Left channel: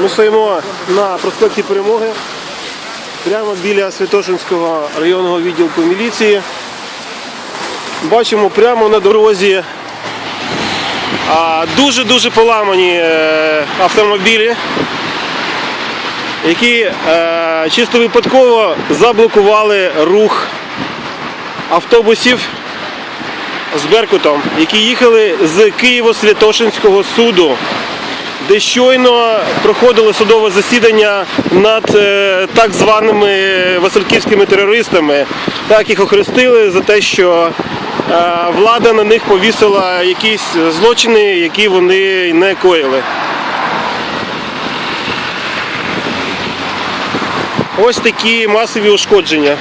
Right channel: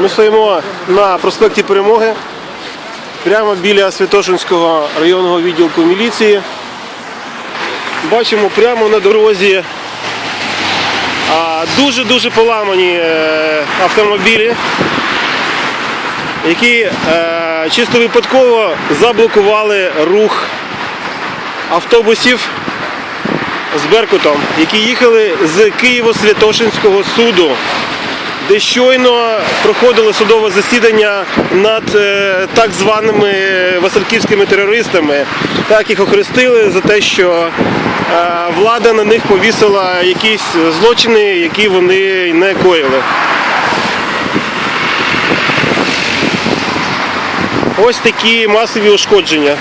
Ми стоїмо на проспекті Перемоги, прямо біля Святошинського районного відділку міліції. Бачимо прямо на дорозі дуже-дуже поламані е, автомобілі, які е, чисто випадково заблокували рух автобусів з Беркутом, які їхали з Києво-Святошинського суду, де щойно проходило судове засідання над е, так званими васильківськими терористами. Так їх охрестили за те, що е, влада на них повісила якісь злочини, які вони не коїли. Ось такі масові ушкодження.